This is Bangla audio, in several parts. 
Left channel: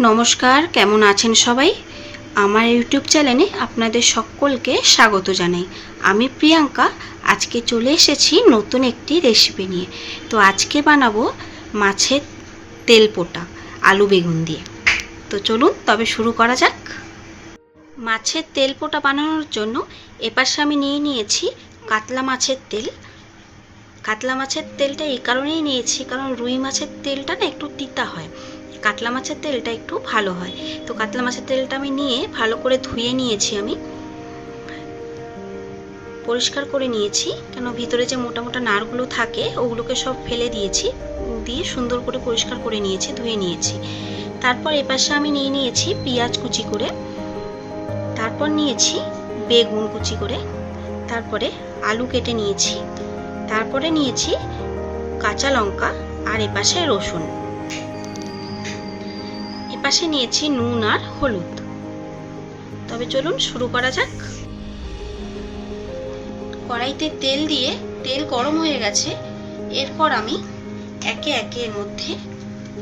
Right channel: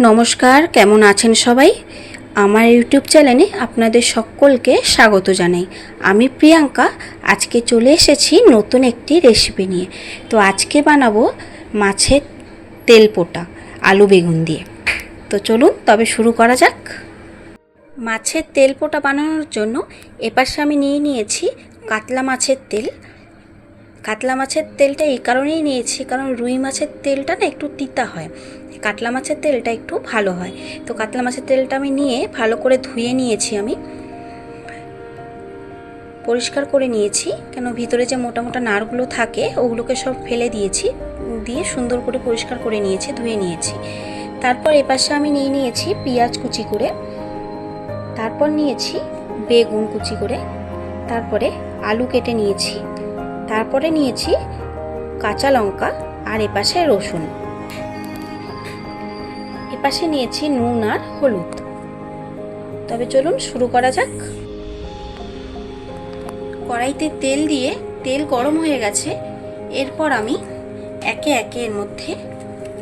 নমস্কার, কেমন আছেন সবাই? আমার ইউটিউব চ্যানেলে আপনাদের সকলকে স্বাগত জানাই। আমি প্রিয়াঙ্কা, আজকে চলে এসেছি নতুন একটি রেসিপি নিয়ে। তো আজকে বানাবো মাছের তেল পোটা আলু বেগুন দিয়ে। তো চলুন, তবে শুরু করা যাক। মাছের তেল পোটা বানানোর জন্য এপাশে আমি নিয়ে নিয়েছি কাতলা মাছের তেল। কাতলা মাছের তেলটা এই কারণেই নিয়েছি, কারণ রুই মাছের তেলটা না একটু তিতা হয়। কাতলা মাছের তেলটা একটু ভালো হয়। তো কাতলা মাছের তেলটা আমি নিয়ে ভালো করে ধুয়ে নিয়েছি আমি। পরিষ্কার করে নিয়েছি, কেন ভিতরে যে মোটা মোটা নারগুলো থাকে, ওগুলোকে সব ফেলে দিয়েছি, দিয়ে সুন্দর করে পরিষ্কার করে নিয়েছি, ধুয়ে নিয়েছি। তারপর এপাশে আমি নিয়ে নিয়েছি পেঁয়াজ কুচি করে। তারপর নিয়েছি বেগুন কুচি করে। তারপরে আলু কেটে নিয়েছি। তারপরে নিয়েছি কাঁচা লঙ্কা আর এপাশে রসুন। এপাশে নিয়েছি নুন আর হলুদ। তবে চলুন শুরু করা যাক। কড়াইতে তেল দিয়ে তেল গরম হয়ে গেছে। এরপর আমি একে একে এর মধ্যে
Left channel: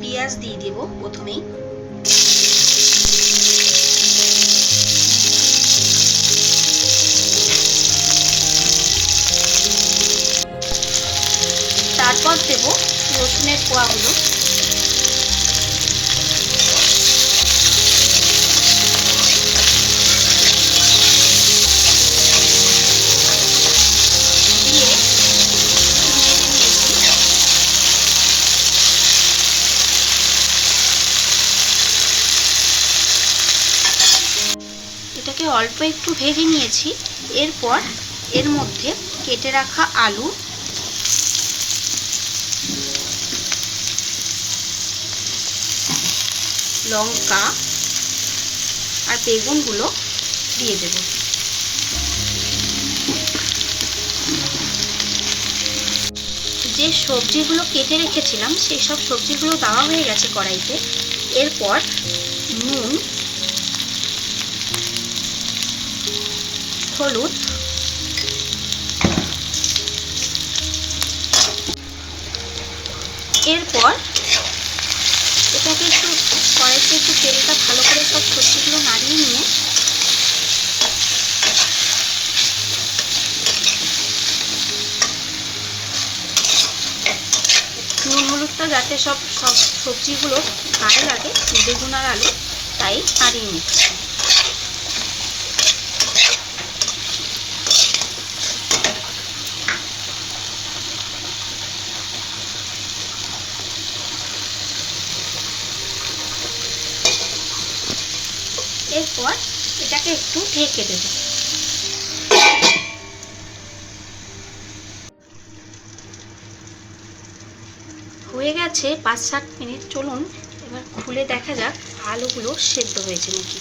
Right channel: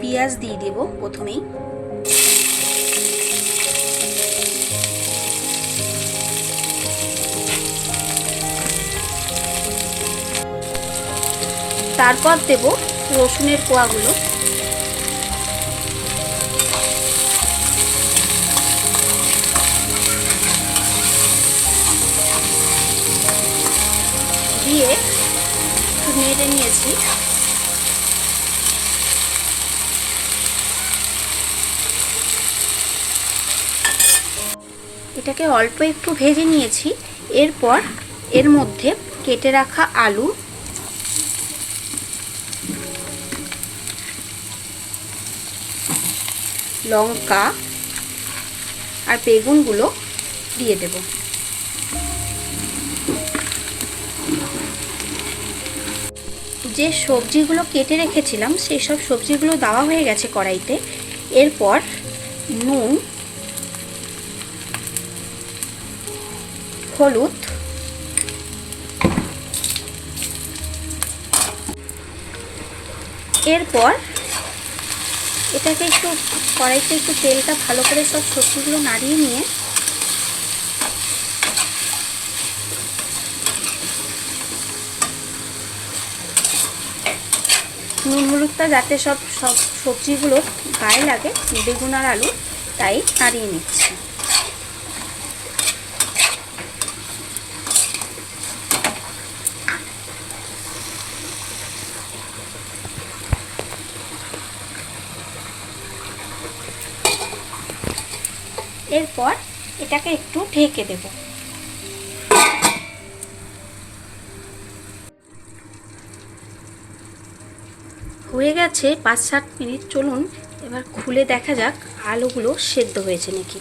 পেঁয়াজ দিয়ে দেব প্রথমেই। তারপর দেব রসুনের কোয়াগুলো। এটাকে অল্প একটু ভেজে নিয়েছি। এরপর এর মধ্যে কেটে রাখা আলু। লঙ্কা আর বেগুনগুলো দিয়ে দেব। যে সবজিগুলো কেটে রেখেছিলাম, সেই সব সবজিগুলো দেওয়া হয়ে গেছে কড়াইতে। এরপর নুন হলুদ। এরপর এটাকে একটু কড়াইতে একটু তেলটা ভালো করে সব সবজিগুলো নাড়িয়ে নিয়ে নুন হলুদটা যাতে সব সব সবজিগুলো গায়ে লাগে, বেগুন আর আলু, তাই নাড়িয়ে নিচ্ছি। এরপর এটাকে একটু ঢেকে দেব। হয়ে গেছে পাঁচ সাত মিনিট, চলুন এবার খুলে দেখা যাক আলুগুলো সেদ্ধ হয়েছে নাকি।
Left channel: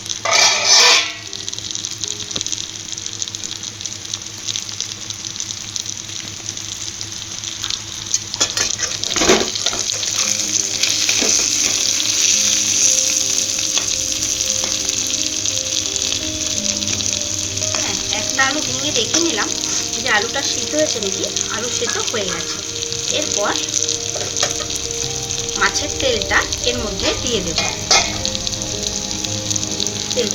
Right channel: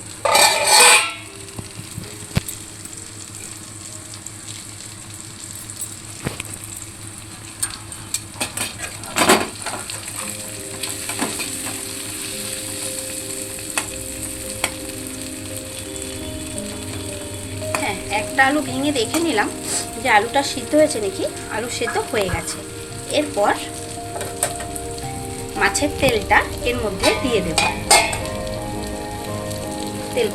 একটা আলু ভেঙে দেখে নিলাম। যে আলুটা সিদ্ধ হয়েছে নাকি? আলু সেদ্ধ হয়ে গেছে। এরপর মাছের তেলটা এর মধ্যে দিয়ে দেব। তেল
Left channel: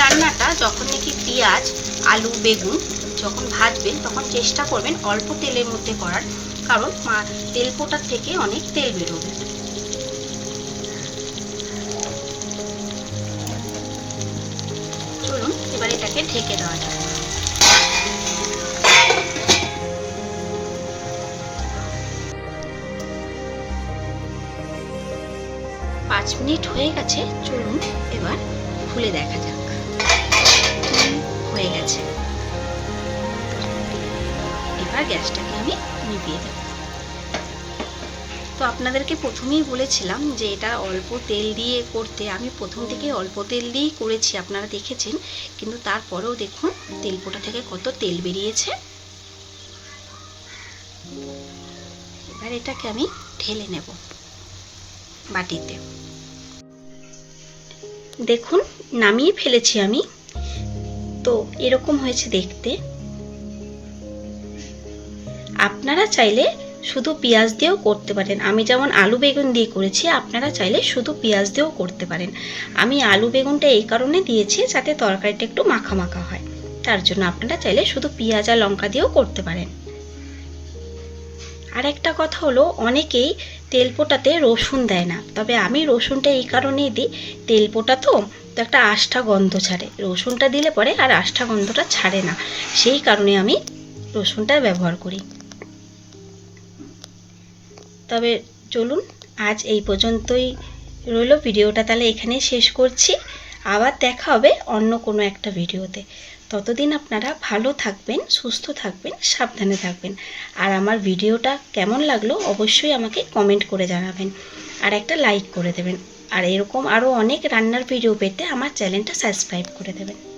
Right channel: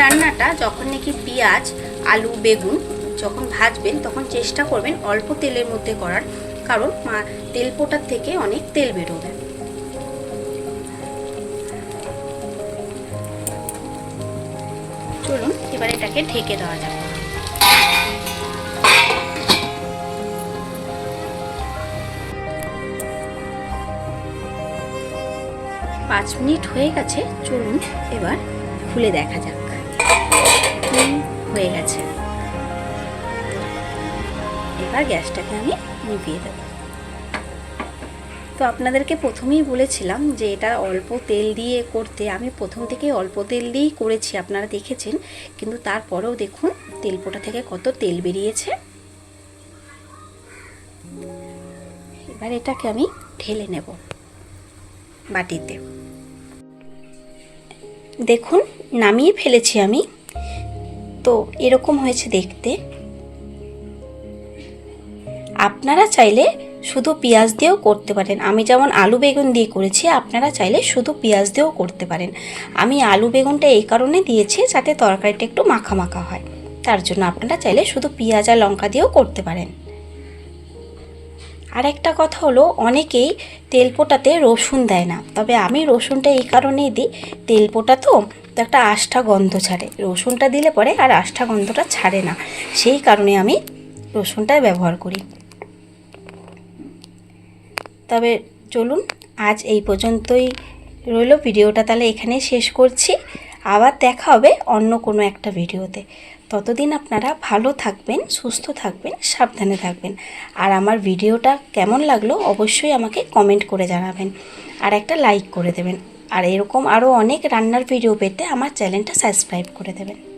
রান্নাটা যখন নাকি পেঁয়াজ, আলু, বেগুন যখন ভাজবেন তখন চেষ্টা করবেন অল্প তেলের মধ্যে করার, কারণ তেল পোটার থেকে অনেক তেল বেরোবে। চলুন, এবার এটাকে ঢেকে দেওয়া যাবে পাঁচ মিনিট হয়ে গেছে, চলুন এবার খুলে দেখা যাক। হয়ে গেছে। এবার গ্যাসটাকে আমি নিভিয়ে দেবো। তো আপনাদেরকে প্রথমেই বলেছিলাম যে এটা অল্প তেল দিয়ে করতে, আমি প্রথম থেকে অল্প তেল দিয়েই করেছি, আপনারা দেখেছেন। কিন্তু তারপরেও দেখুন তেলপোটা থেকে কত তেল বেরিয়েছে। এবার এটাকে আমি ঢেলে নেব বাটিতে। দেখুন, নামিয়ে ফেলেছি আমি তো এরকম হয়েছে দেখতে। আপনারা চাইলে শুধু পেঁয়াজ দিয়েও করতে পারেন। আমি যেমন আলু বেগুন দিয়ে করেছি, আপনারা চাইলে শুধু পেঁয়াজ দিয়েও করতে পারেন। আমি আলু বেগুনটা এই কারণে দিয়েছি যাতে তরকারিটা একটু মাখা মাখা হয়। তার জন্য আপনারা চাইলে শুধু পেঁয়াজ আর লঙ্কা দিয়েও করতে পারেন। আর একটা কথা হলো, অনেকেই তেলপোটাতে রসুন দেয় না। তবে আমি রসুনটা এই কারণেই দিই। তেলপোটা তো তো একটা আষ্ঠা গন্ধ ছাড়ে। রসুনটা দিলে পরে আর আষ্ঠা গন্ধটা ছাড়ে না। সেই কারণে আমি রসুনটা ব্যবহার করি। তবে চলুন, আজ এই পর্যন্তই রইল। ভিডিওটা তাহলে এখানেই শেষ করছি। আবার দেখা হবে অন্য কোনো একটা ভিডিওতে। ততদিন আপনারা ভালো থাকবেন, সুস্থ থাকবেন, সাবধানে থাকবেন। আর আমার ভিডিওটা কেমন লাগল অবশ্যই আমাকে কমেন্ট করে জানাবেন। আর একটা লাইক করে দেবেন। আর এরকম আরও অনেক রান্নার ভিডিও পেতে আমার চ্যানেলটা সাবস্ক্রাইব করে দেবেন।